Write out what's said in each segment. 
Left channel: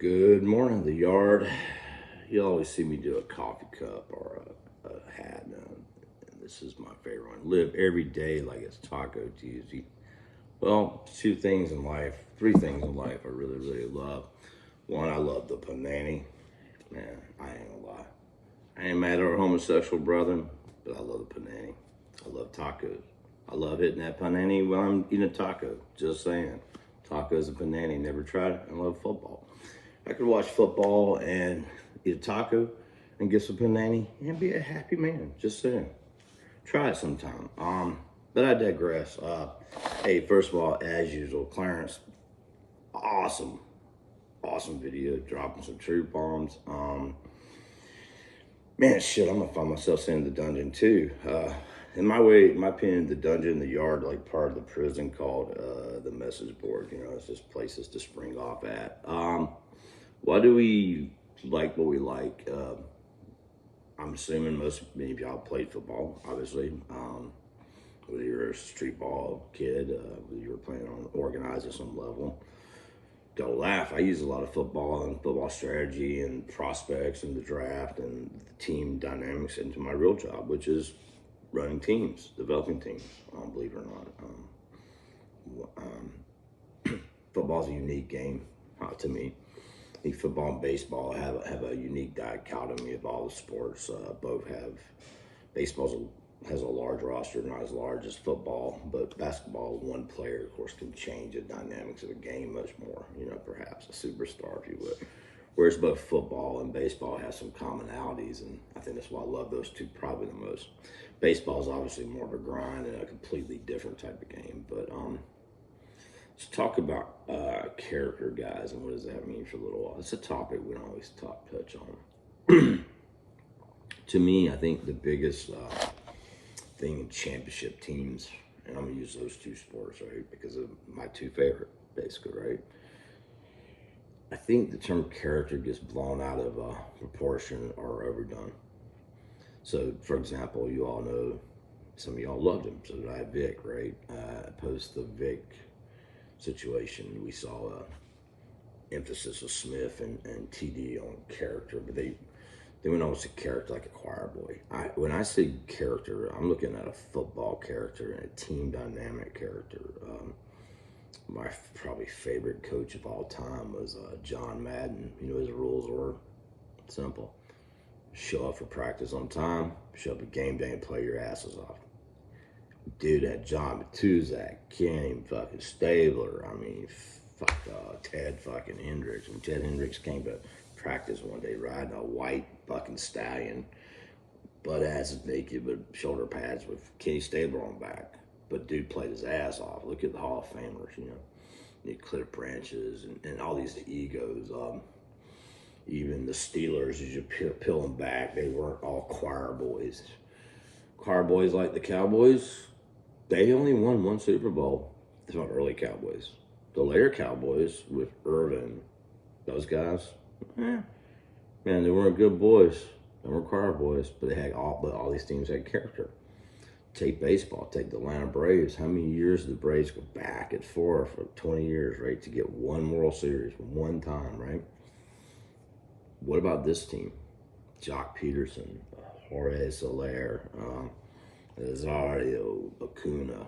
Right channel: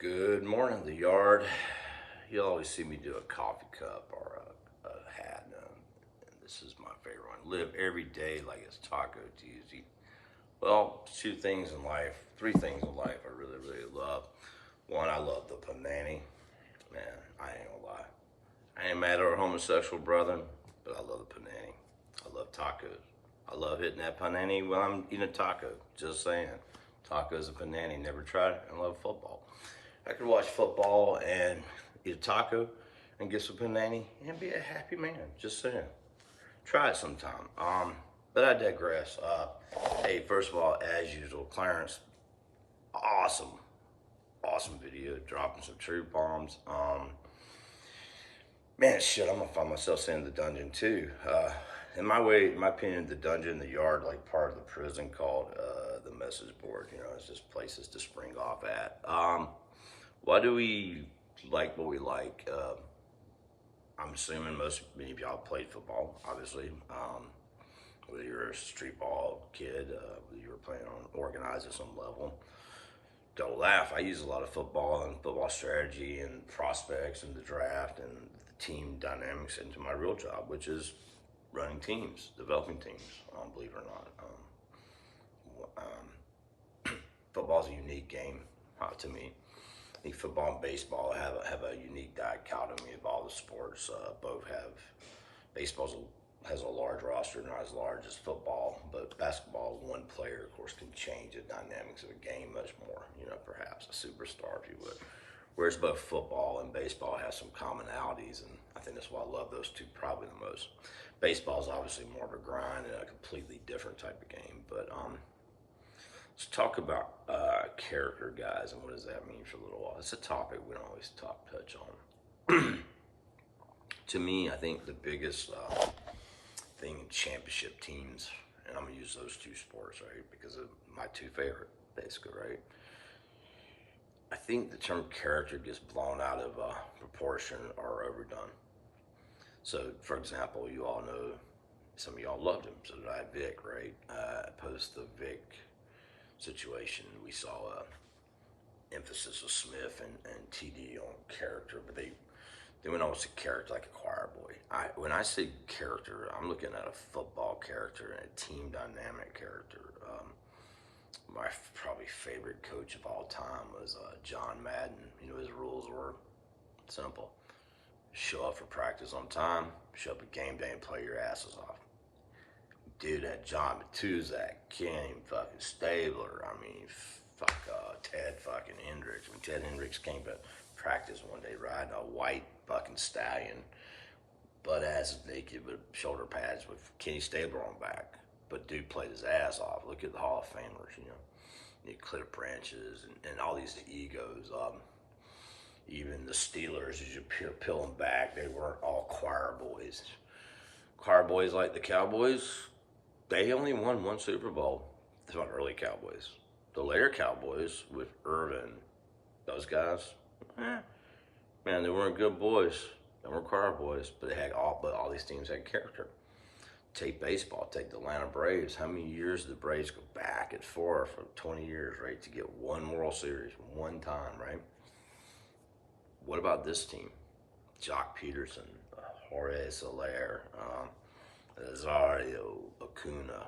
Good morning, the yard. You'll always see me do a coffee cup or a hat. This is my favorite one. Live every day like it's Taco Tuesday. Well, three things in life I really, really love. One, I love the Poo-nanny. Man, I ain't gonna lie. I ain't mad at our homosexual brother, but I love the Poo-nanny. I love tacos. I love hitting that Poo-nanny when I'm eating a taco. Just saying. Tacos and Poo-nanny. Never tried it. I love football. I could watch football and eat a taco and get some Poo-nanny and be a happy man. Just saying. Try it sometime. But I digress. Hey, first of all, as usual, Clarence, awesome video, dropping some truth bombs. Man, shit, I'm gonna find myself in the dungeon too. In my opinion, the dungeon, the yard, like part of the prison called the message board. You know, it's just places to spring off at. Why do we like what we like? I'm assuming many of y'all played football, obviously. Whether you're a street ball kid, whether you were playing on organized at some level. Don't laugh. I use a lot of football and football strategy and prospects and the draft and the team dynamics into my real job, which is running teams, developing teams, believe it or not. Football's a unique game to me. I think football and baseball have a unique dichotomy of all the sports. Both have, baseball has a large roster, not as large as football, but basketball, one player, of course, can change the dynamics of a game much more, perhaps a superstar, if you would. Whereas both football and baseball have some commonalities, and I think that's why I love those two probably the most. Baseball is obviously more of a grind and a completely different type of game, but let's talk about character, guys, and what does that mean for a little while. It's a topic we don't always touch on. To me, I think the biggest thing in championship teams, and I'm gonna use those two sports, right, because of my two favorite, basically, right? I think the term character gets blown out of proportion or overdone. So, for example, you all know, some of y'all loved him, so did I, Vic, right? Post the Vic situation, we saw emphasis of Smith and TD on character, but they went almost to character like a choir boy. When I say character, I'm looking at a football character and a team dynamic character. My probably favorite coach of all time was John Madden. His rules were simple. Show up for practice on time, show up at game day and play your asses off. Dude had John Matuzak, Kenny fucking Stabler, Ted fucking Hendricks. When Ted Hendricks came to practice one day riding a white fucking stallion, butt ass naked with shoulder pads with Kenny Stabler on back. But dude played his ass off. Look at the Hall of Famers, the clip branches and all these egos. Even the Steelers, as you peel them back, they weren't all choir boys. Choir boys like the Cowboys, they only won one Super Bowl. It's not early Cowboys. The later Cowboys with Irvin, those guys, man, they weren't good boys. They weren't choir boys, but all these teams had character. Take baseball, take the Atlanta Braves. How many years did the Braves go back and forth for 20 years, right, to get one World Series one time, right? What about this team? Jock Peterson, Jorge Soler, Nazario, Acuna,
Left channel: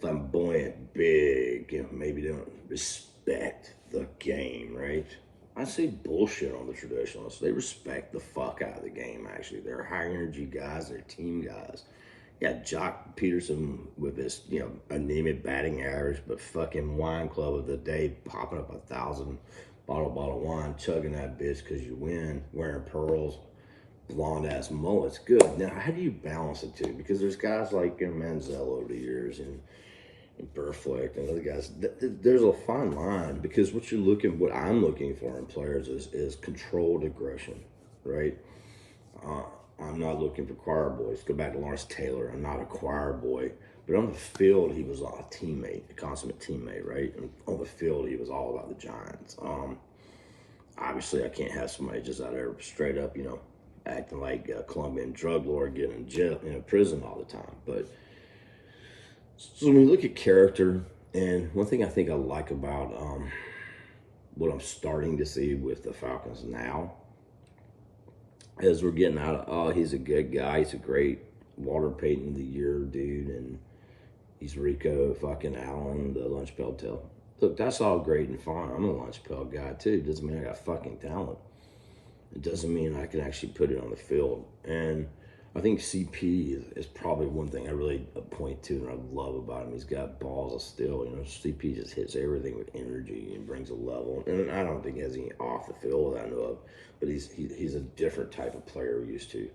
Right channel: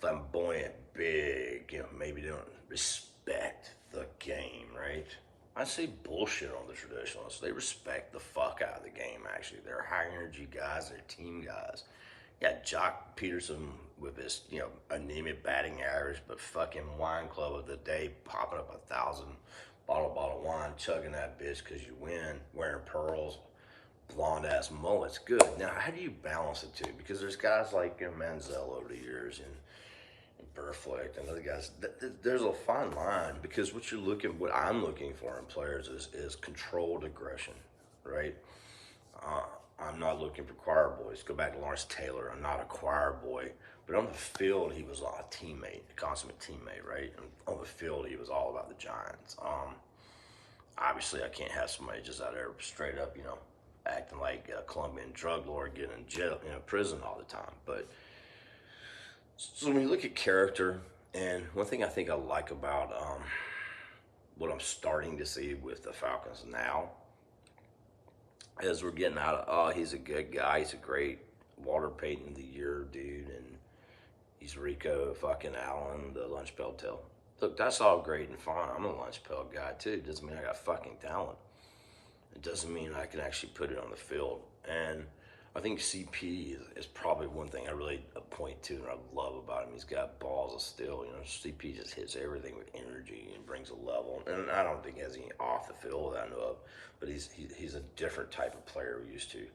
flamboyant, big, maybe they don't respect the game, right? I say bullshit on the traditionalists. They respect the fuck out of the game, actually. They're high energy guys, they're team guys. Yeah, Jock Peterson with his, anemic batting average, but fucking wine club of the day, popping up 1,000 bottle of wine, chugging that bitch because you win, wearing pearls, blonde ass mullets. Good. Now, how do you balance the two? Because there's guys like Manziel over the years and Burflick and other guys. There's a fine line because what I'm looking for in players is controlled aggression, right? I'm not looking for choir boys. Go back to Lawrence Taylor. I'm not a choir boy. But on the field, he was a teammate, a consummate teammate, right? And on the field, he was all about the Giants. Obviously, I can't have somebody just out there straight up, acting like a Colombian drug lord, getting in jail, prison all the time. But so when you look at character, and one thing I think I like about what I'm starting to see with the Falcons now is we're getting out of, oh, he's a good guy. He's a great Walter Payton of the year dude. And he's Rico fucking Allen, the lunch pail tail. Look, that's all great and fine. I'm a lunch pail guy too. It doesn't mean I got fucking talent. It doesn't mean I can actually put it on the field. And I think CP is probably one thing I really point to and I love about him. He's got balls of steel. You know, CP just hits everything with energy and brings a level. And I don't think he has any off the field that I know of, but he's a different type of player we're used to.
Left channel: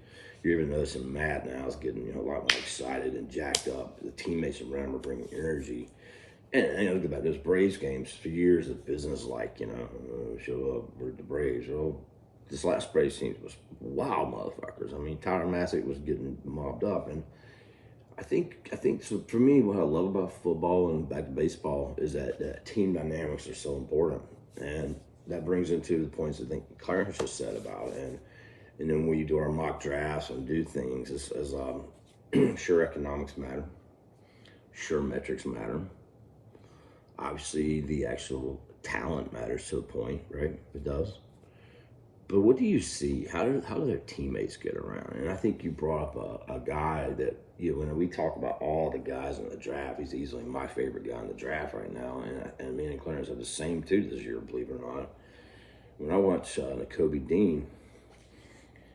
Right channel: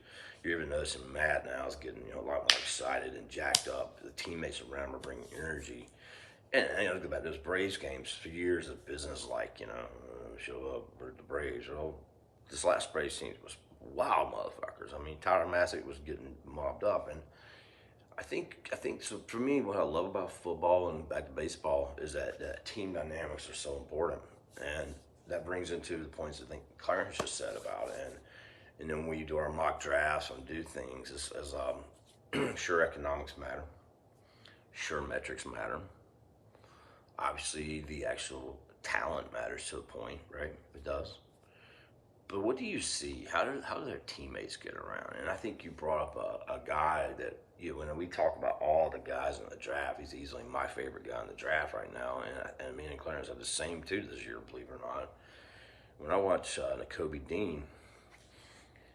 You're even noticing Matt now is getting a lot more excited and jacked up. The teammates around him are bringing energy. And look about those Braves games for years of business, like show up for the Braves. Well, this last Braves team was wild motherfuckers. I mean, Tyler Massick was getting mobbed up, and I think so. For me, what I love about football and back to baseball is that team dynamics are so important, and that brings into the points I think Clarence just said about it. And then when you do our mock drafts and do things, sure economics matter, sure metrics matter. Obviously, the actual talent matters to a point, right? It does. But what do you see? How do their teammates get around? And I think you brought up a guy that, when we talk about all the guys in the draft, he's easily my favorite guy in the draft right now. And me and Clarence have the same too this year, believe it or not. When I watch Nakobe Dean,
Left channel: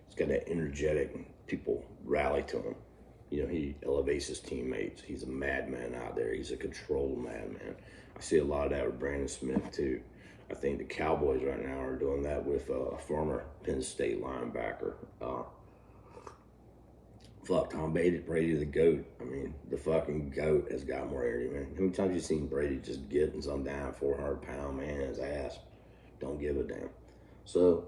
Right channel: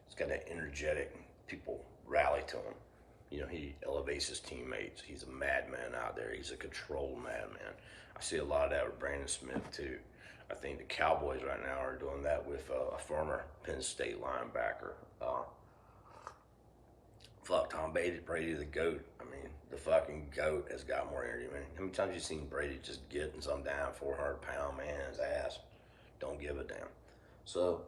he's got that energetic, people rally to him. He elevates his teammates. He's a madman out there. He's a controlled madman. I see a lot of that with Brandon Smith too. I think the Cowboys right now are doing that with a former Penn State linebacker. Tom Brady, the GOAT. I mean, the fucking GOAT has got more energy, man. How many times have you seen Brady just getting some down 400-pound man his ass? Don't give a damn. So,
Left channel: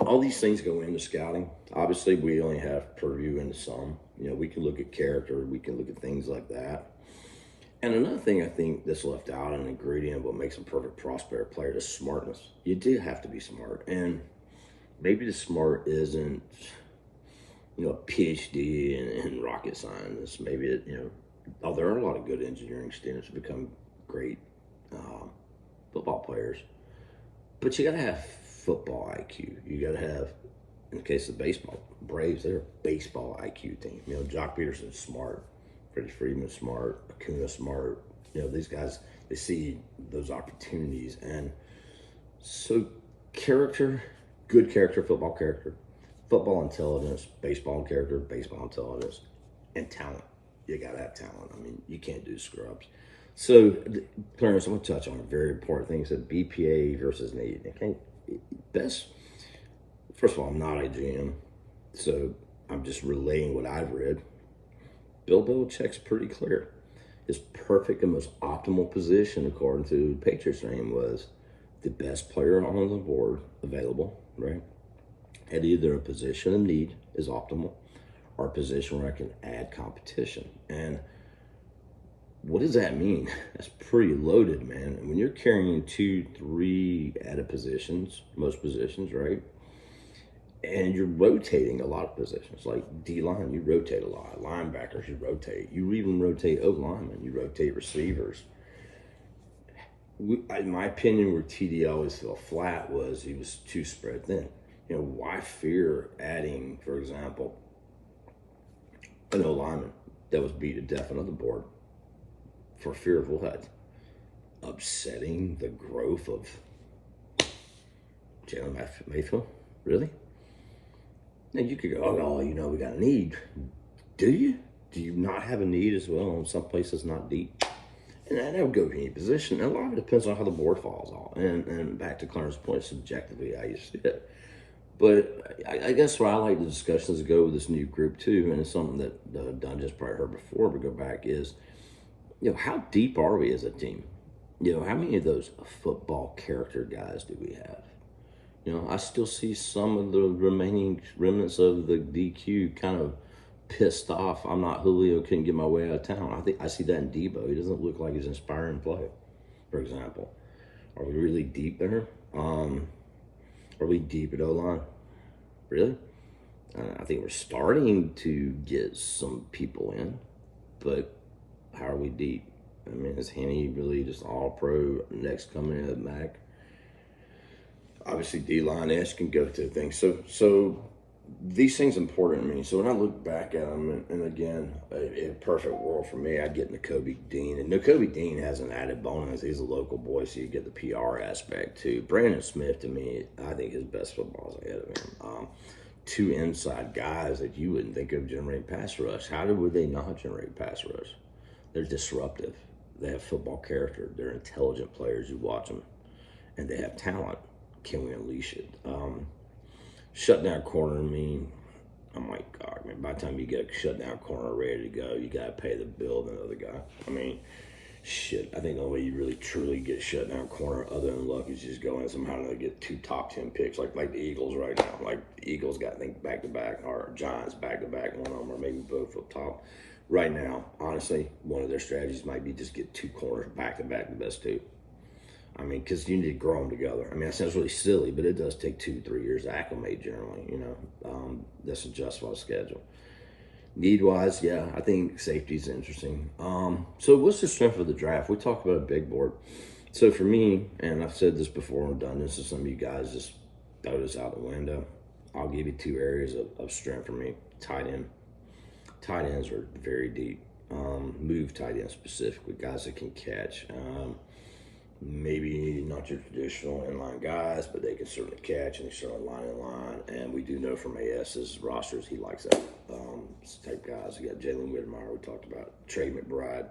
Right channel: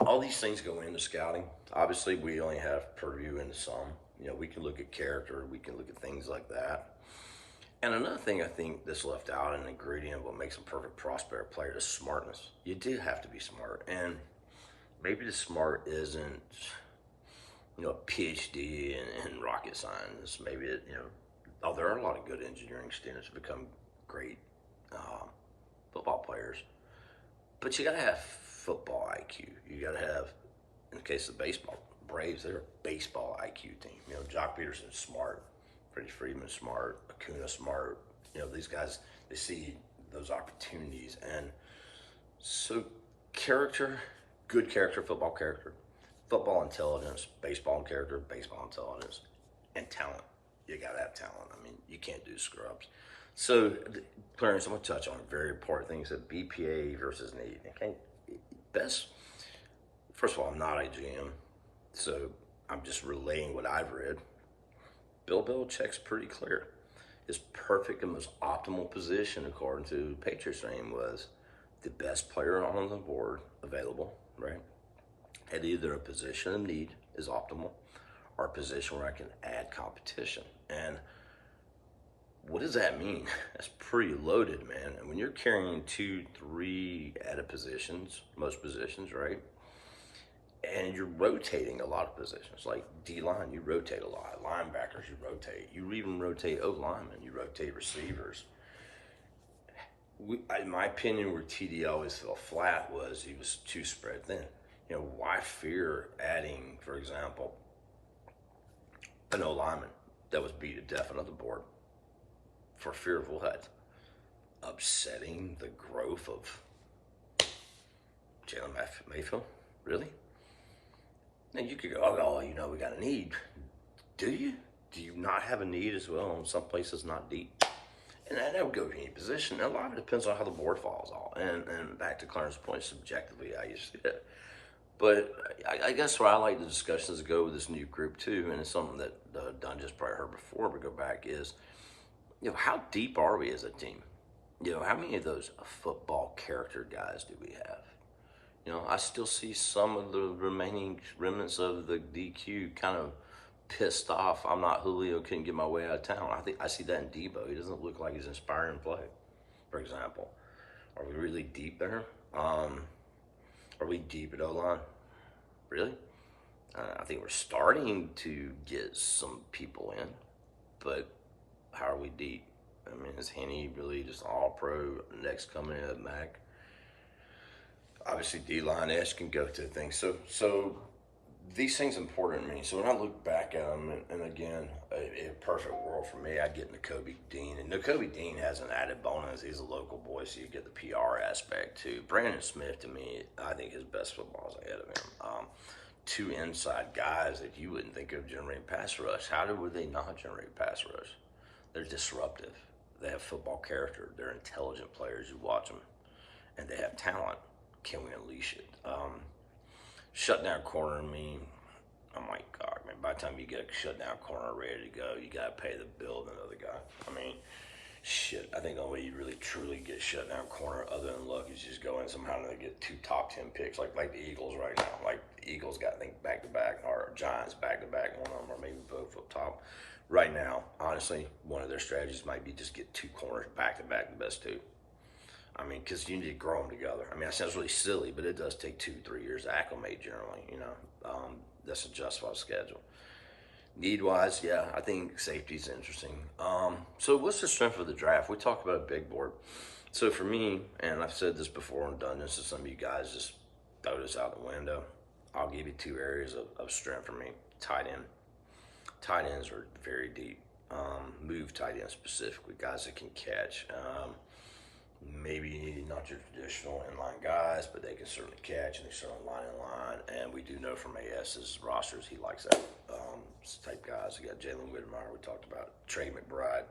all these things go into scouting. Obviously, we only have purview into some. We can look at character. We can look at things like that. And another thing I think that's left out, an ingredient of what makes a perfect prospect player, is smartness. You do have to be smart. And maybe the smart isn't, a PhD in rocket science. Maybe, there are a lot of good engineering students who become great football players. But you got to have football IQ. You got to have, in the case of baseball, Braves, they're a baseball IQ team. Jock Peterson's smart. Freddie Freeman's smart, Acuna smart. These guys, they see those opportunities. And so good character, football intelligence, baseball character, baseball intelligence, and talent. You got to have talent. I mean, you can't do scrubs. So, Clarence, I'm going to touch on a very important thing. He said BPA versus need. Okay, first of all, I'm not a GM, so I'm just relaying what I've read. Bill Belichick's pretty clear. His perfect and most optimal position, according to Patriots name, was the best player on the board available, right? At either a position of need is optimal or a position where I can add competition. And what does that mean? That's pretty loaded, man. And when you're carrying 2, 3 added positions, most positions, right? And you're rotating a lot of positions, like D-line, you rotate a lot. Linebackers, you rotate. You even rotate O-linemen. You rotate receivers. In my opinion, where TD always fell flat was he was too spread thin. Why fear adding, for example, an O-lineman that was beat to death on the board for fear of what? Upsetting the growth of Jalen Mayfield? Really? Now you could go, we got a need. Do you? Do you not have a need as well in some places not deep? And that would go to any position. And a lot of it depends on how the board falls off. And back to Clarence's point, subjectively, how you see it. But I guess where I like the discussions to go with this new group too, and it's something that Dunn just probably heard before we go back, is, how deep are we as a team? How many of those football character guys do we have? I still see some of the remaining remnants of the DQ kind of pissed off. I'm not Julio, couldn't get my way out of town. I see that in Debo. He doesn't look like he's inspiring play, for example. Are we really deep there? Are we deep at O-line? Really? I think we're starting to get some people in, but how are we deep? I mean, is Henny really just all pro next coming in at Mac? Obviously, D-line-esque can go through things. So these things important to me. So when I look back at them, and again, in a perfect world for me, I'd get Nakobe Dean. And Nakobe Dean has an added bonus. He's a local boy, so you get the PR aspect too. Brandon Smith, to me, I think his best football is ahead of him. Two inside guys that you wouldn't think of generate pass rush. How would they not generate pass rush? They're disruptive. They have football character. They're intelligent players. You watch them, and they have talent. Can we unleash it? Shutdown corner, I'm like, God, man, by the time you get a shutdown corner ready to go, you got to pay the bill of another guy. I mean, shit, I think the only way you really truly get shutdown corner other than luck is just go in somehow and they get 2 top 10 picks, like the Eagles right now. Like, the Eagles got, I think, back-to-back, or Giants back-to-back, one of them, or maybe both up top. Right now, honestly, one of their strategies might be just get 2 corners back-to-back, the best 2. I mean, because you need to grow them together. I mean, that sounds really silly, but it does take 2-3 years to acclimate generally, That's a justified schedule. Need-wise, yeah, I think safety's interesting. So what's the strength of the draft? We talked about a big board. So for me, and I've said this before and done this to some of you guys, just throw this out the window. I'll give you 2 areas of strength for me. Tight end. Tight ends are very deep. Move tight ends specifically, guys that can catch. Maybe not your traditional inline guys, but they can certainly catch and certainly line in line. And we do know from AS's rosters, he likes that type guys. You got Jalen Whitmire, we talked about. Trey McBride.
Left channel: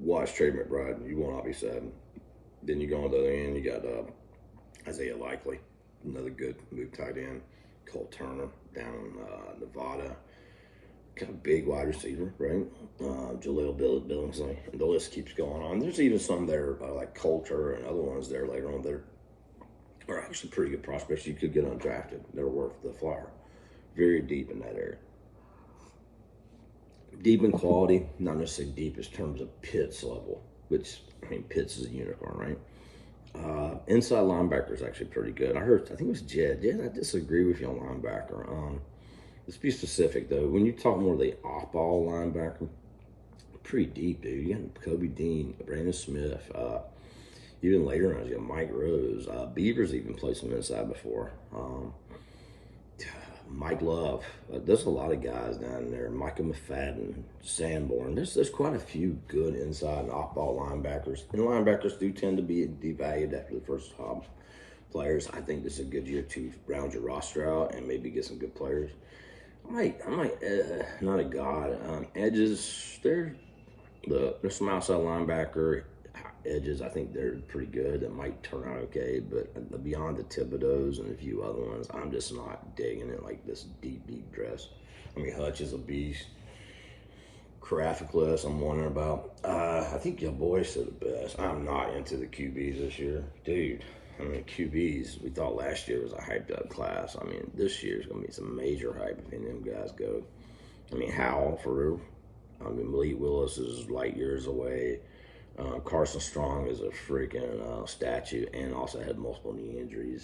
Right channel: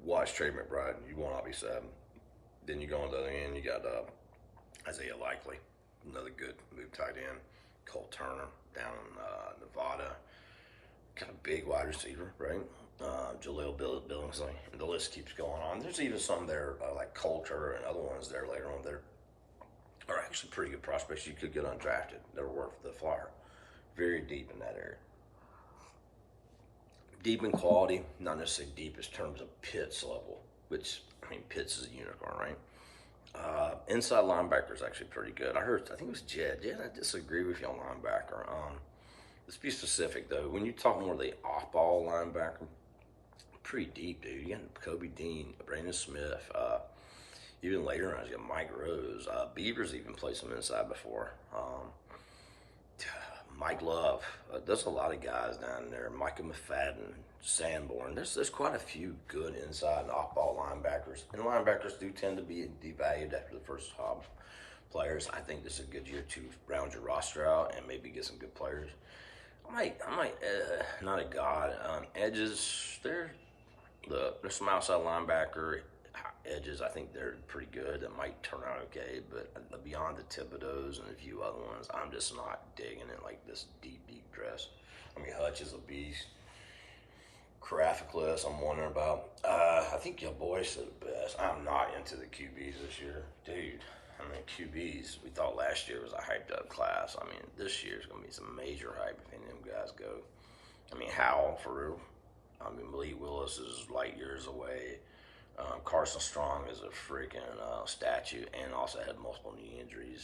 Watch Trey McBride. You will not be sad. Then you go on the other end, you got Isaiah Likely, another good move tight end. Cole Turner down in Nevada. Kind of big wide receiver, right? Jaleel Billingsley, and the list keeps going on. There's even some there like Coulter and other ones there later on that are actually pretty good prospects. You could get undrafted. They're worth the flyer. Very deep in that area. Deep in quality, not necessarily deep in terms of Pitts level, which, I mean, Pitts is a unicorn, right? Inside linebacker is actually pretty good. I think it was Jed. Jed, I disagree with you on linebacker. Let's be specific, though. When you talk more of the off-ball linebacker, pretty deep, dude. You got Kobe Dean, Brandon Smith, even later on, you got Mike Rose. Beavers even played some inside before. Mike Love. There's a lot of guys down there. Micah McFadden, Sanborn. There's quite a few good inside and off-ball linebackers. And linebackers do tend to be devalued after the first players. I think this is a good year to round your roster out and maybe get some good players. I'm not a god. Edges, there's some outside linebacker edges. I think they're pretty good. That might turn out okay, but beyond the Thibodeaux and a few other ones, I'm just not digging it like this deep dress. I mean, Hutch is a beast. Caraficless, I'm wondering about. I think your boy said the best. I'm not into the QBs this year, dude. I mean, QBs, we thought last year was a hyped-up class. I mean, this year's going to be some major hype if any of them guys go. I mean, Howell, for real. I mean, Malik Willis is light years away. Carson Strong is a freaking statue and also had multiple knee injuries.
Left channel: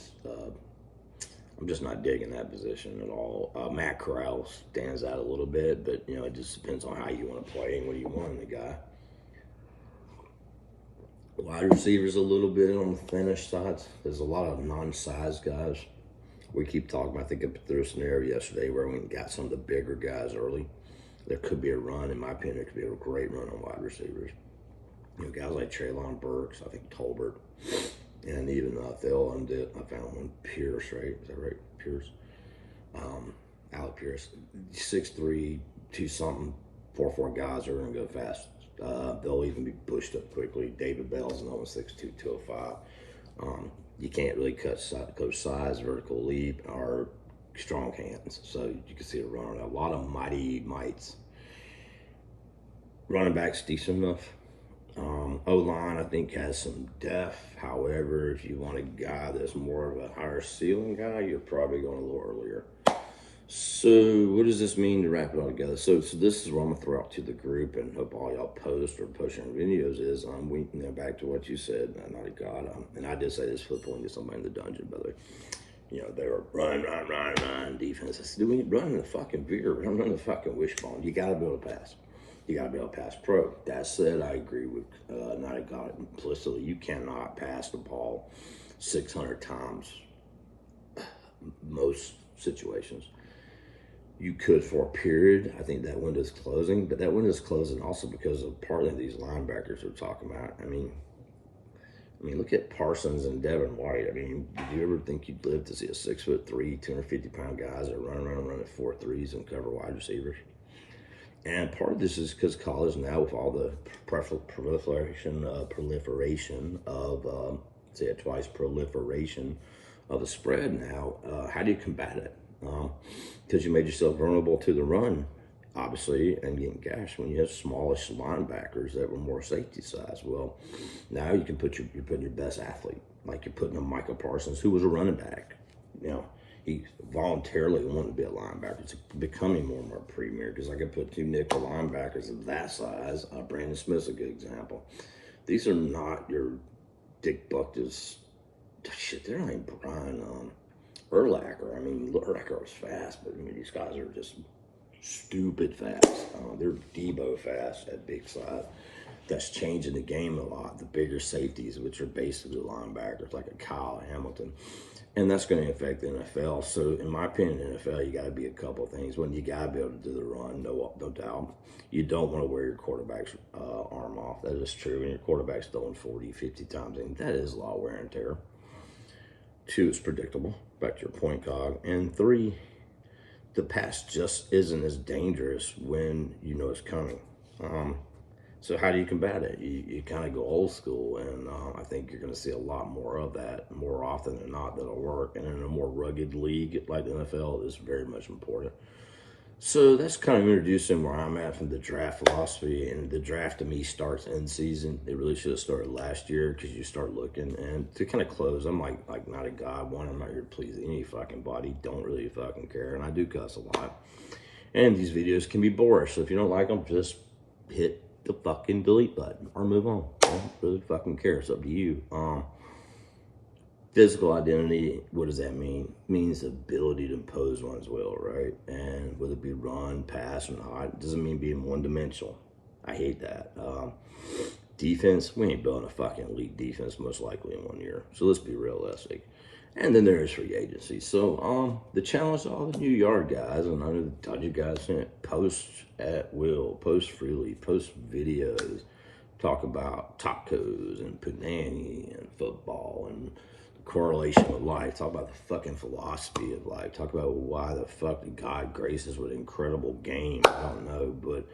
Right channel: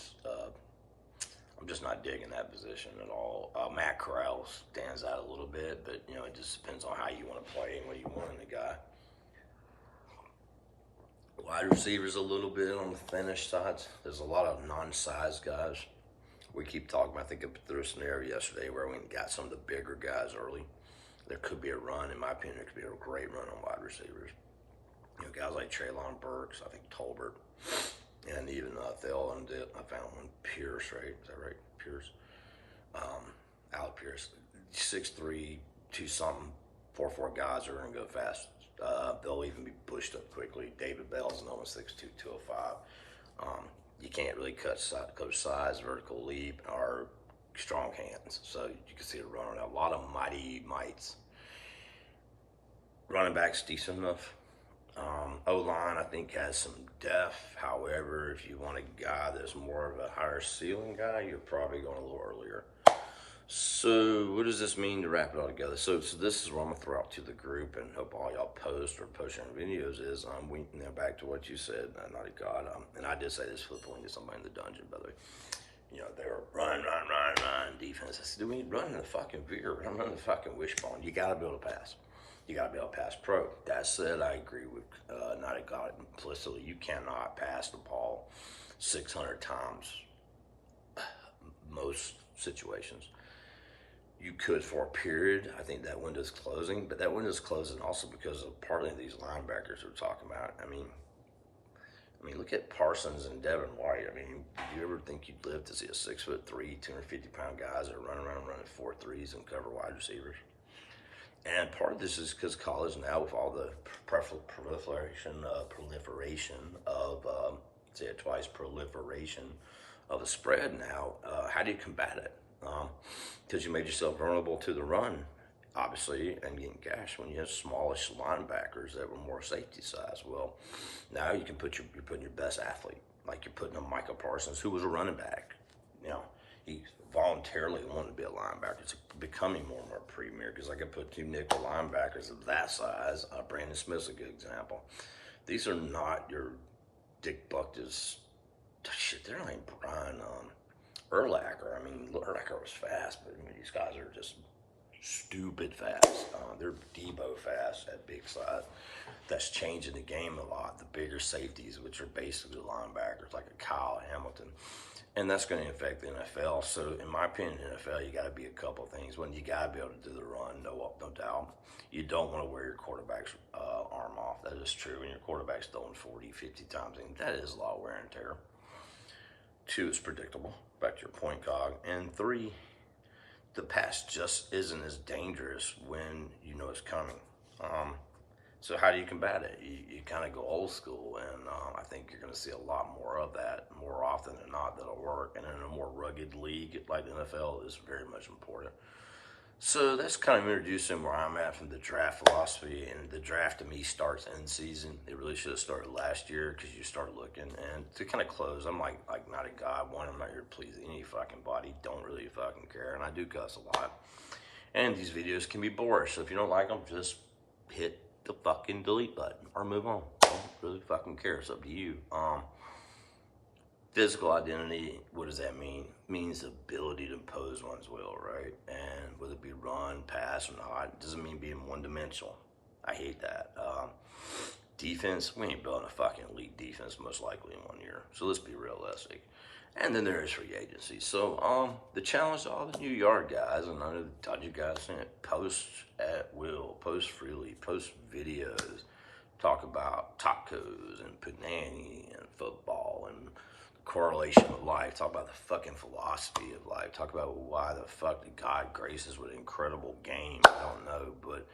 I'm just not digging that position at all. Matt Corral stands out a little bit, but, it just depends on how you want to play and what you want in the guy. Wide receivers a little bit on the finished sides. There's a lot of non-size guys. We keep talking about, I think I threw a scenario yesterday where we got some of the bigger guys early. There could be a run, in my opinion, there could be a great run on wide receivers. Guys like Treylon Burks, I think Tolbert, and even Phil, and I found one, Pierce, right? Is that right? Pierce? Alec Pierce. 6'3", 2-something, 4'4" guys are going to go fast. They'll even be pushed up quickly. David Bell's another 6'2", 205. You can't really coach size, vertical leap, or strong hands. So you can see it running. A lot of mighty mites. Running back's decent enough. O-line, I think, has some depth. However, if you want a guy that's more of a higher ceiling guy, you're probably going a little earlier. So what does this mean to wrap it all together? So this is what I'm going to throw out to the group and hope all y'all post or push in videos is, back to what you said, not a god, and I did say this football to somebody in the dungeon, by the way. They were run defense. I said, dude, we ain't running the fucking veer. We're not running the fucking wishbone. You got to be able to pass. You got to be able to pass pro. That said, I agree with not a God implicitly. You cannot pass the ball 600 times most situations. You could for a period. I think that window's closing, but that window's closing also because of partly these linebackers we're talking about. I mean, look at Parsons and Devin White. I mean, did you ever think you'd live to see a 6'3", 250-pound guys that run around running 4.3s and cover wide receivers? And part of this is because college now, with all the proliferation of, say it twice, proliferation of the spread now, how do you combat it? Because you made yourself vulnerable to the run, obviously, and getting gashed when you have smallish linebackers that were more safety size. Well, now you can you're putting your best athlete, like you're putting a Michael Parsons, who was a running back. You know, he voluntarily wanted to be a linebacker. It's becoming more and more premier because I could put two nickel linebackers of that size. Brandon Smith's a good example. These are not your Dick Buckus. Shit, they're not even Brian Urlacher. I mean, Urlacher was fast, but these guys are just stupid fast. They're Debo fast at big size. That's changing the game a lot. The bigger safeties, which are basically linebackers, like a Kyle Hamilton. And that's going to affect the NFL. So, in my opinion, NFL, you got to be a couple of things. One, you got to be able to do the run, no doubt. You don't want to wear your quarterback's arm off. That is true. When your quarterback's throwing 40, 50 times, and that is a lot of wear and tear. 2, it's predictable. Back to your point, Cog. And 3, the pass just isn't as dangerous when you know it's coming. So how do you combat it? You kind of go old school, and I think you're going to see a lot more of that more often than not that'll work. And in a more rugged league like the NFL, is very much important. So that's kind of introducing where I'm at from the draft philosophy. And the draft to me starts in season. It really should have started last year because you start looking. And to kind of close, I'm like not a god. One, I'm not here to please any fucking body. Don't really fucking care. And I do cuss a lot. And these videos can be boorish. So if you don't like them, just hit the fucking delete button or move on. I don't really fucking care. It's up to you. Physical identity, what does that mean? It means the ability to impose one's will, right? And whether it be run, pass, or not, it doesn't mean being one-dimensional. I hate that. Defense, we ain't building a fucking elite defense most likely in 1 year. So let's be realistic. And then there is free agency. So the challenge to all the new yard guys, and I know the Dodger guys post at will, post freely, post videos, talk about tacos and Poo-nanny and football and correlation of life, talk about the fucking philosophy of life, talk about why the fuck did God grace us with an incredible game. I don't know, but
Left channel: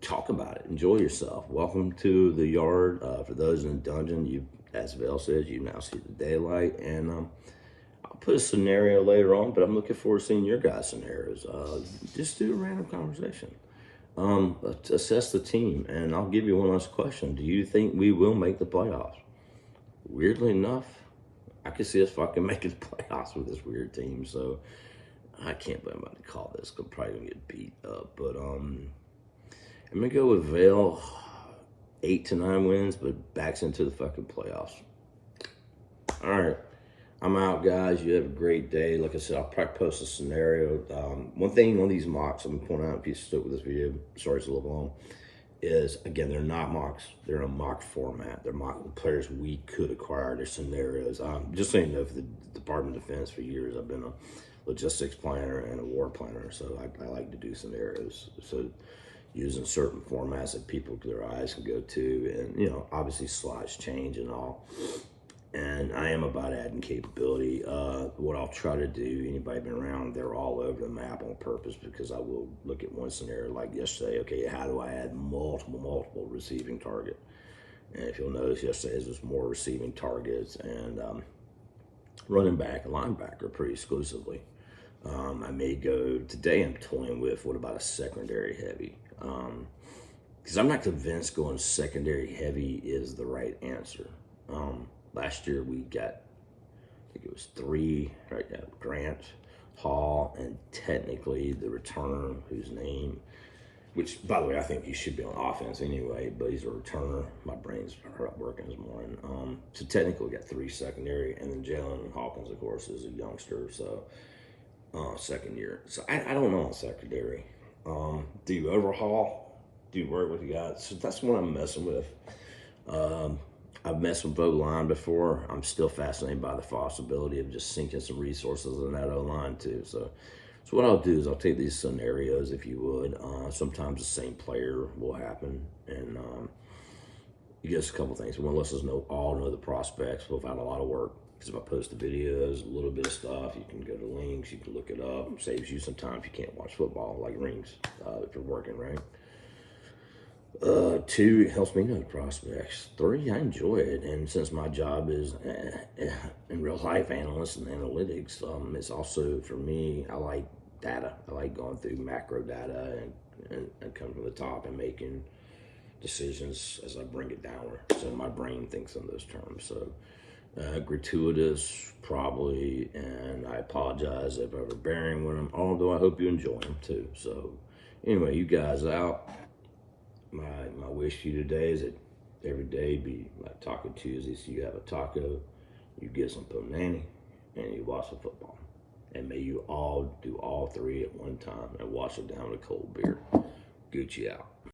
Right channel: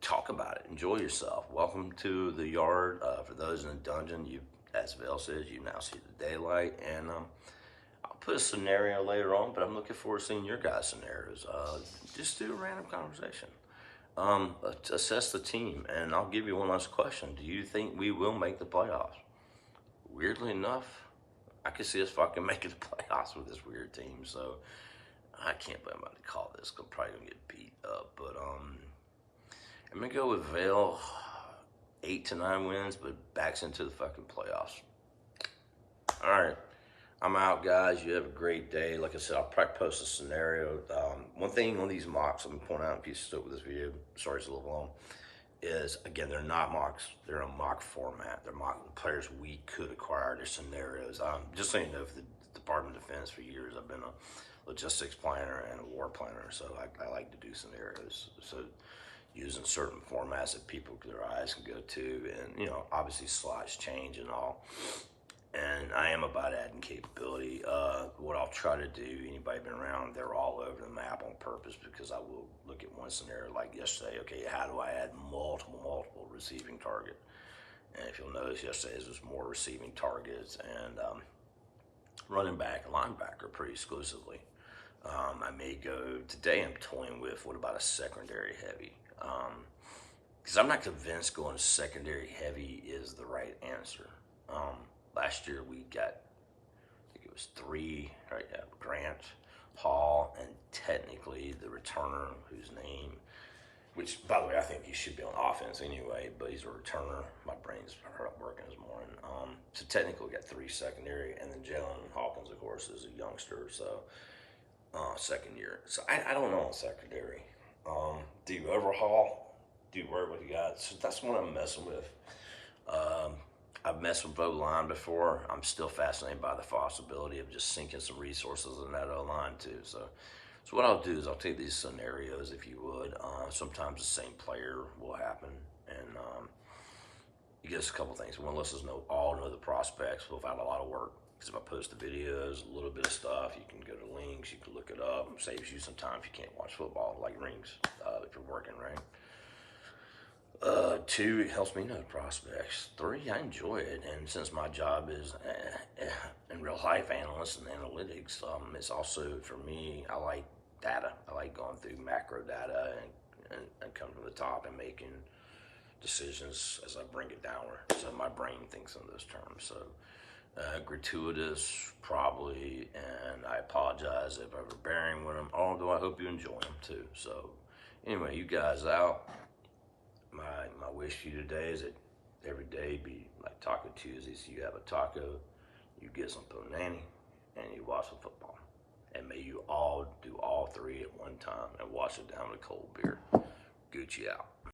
talk about it. Enjoy yourself. Welcome to the yard. For those in the dungeon, you, as Val says, you now see the daylight. And I'll put a scenario later on, but I'm looking forward to seeing your guys' scenarios. Just do a random conversation. Assess the team, and I'll give you one last question. Do you think we will make the playoffs? Weirdly enough, I could see us fucking making the playoffs with this weird team, so I can't believe I'm about to call this. I'm probably gonna get beat up, but I'm gonna go with Vail, 8 to 9 wins, but backs into the fucking playoffs. All right, I'm out, guys. You have a great day. Like I said, I'll probably post a scenario. One thing on these mocks, I'm gonna point out if you stuck with this video, sorry it's a little long, is, again, they're not mocks. They're in a mock format. They're mock players we could acquire. Their scenarios. Just so you know, for the Department of Defense for years, I've been a logistics planner and a war planner, so I like to do scenarios. So using certain formats that people, their eyes can go to, and, obviously slides change and all. And I am about adding capability. What I'll try to do, anybody been around, they're all over the map on purpose, because I will look at one scenario like yesterday. Okay, how do I add multiple receiving target? And if you'll notice, yesterday was more receiving targets and running back and linebacker pretty exclusively. I may go, today I'm toying with, what about a secondary heavy? Because I'm not convinced going secondary heavy is the right answer. Last year we got, I think it was 3, right now, Grant, Hall, and technically the returner, whose name, which, by the way, I think he should be on offense anyway, but he's a returner. My brain's working this morning. So technically we got 3 secondary, and then Jalen Hawkins, of course, is a youngster, so second year. So I don't know on secondary. Do you overhaul? do work with the guys. So that's what I'm messing with. I've messed with O-line before. I'm still fascinated by the possibility of just sinking some resources in that O-line too. So what I'll do is I'll take these scenarios, if you would. Sometimes the same player will happen, and you get us a couple things. One, let's all know the prospects. We've had a lot of work. Because if I post the videos, a little bit of stuff, you can go to links, you can look it up. Saves you some time if you can't watch football, like rings, if you're working, right? 2, it helps me know the prospects. 3, I enjoy it. And since my job is in real life analyst and analytics, it's also, for me, I like data. I like going through macro data and coming from the top and making decisions as I bring it down. So my brain thinks in those terms. So gratuitous, probably, and I apologize if I'm overbearing with them, although I hope you enjoy them too. So anyway, you guys out. My wish to you today is that every day be like Taco Tuesday. So you have a taco, you get some Poo-nanny, and you watch some football. And may you all do all 3 at one time and wash it down with a cold beer. Gucci out.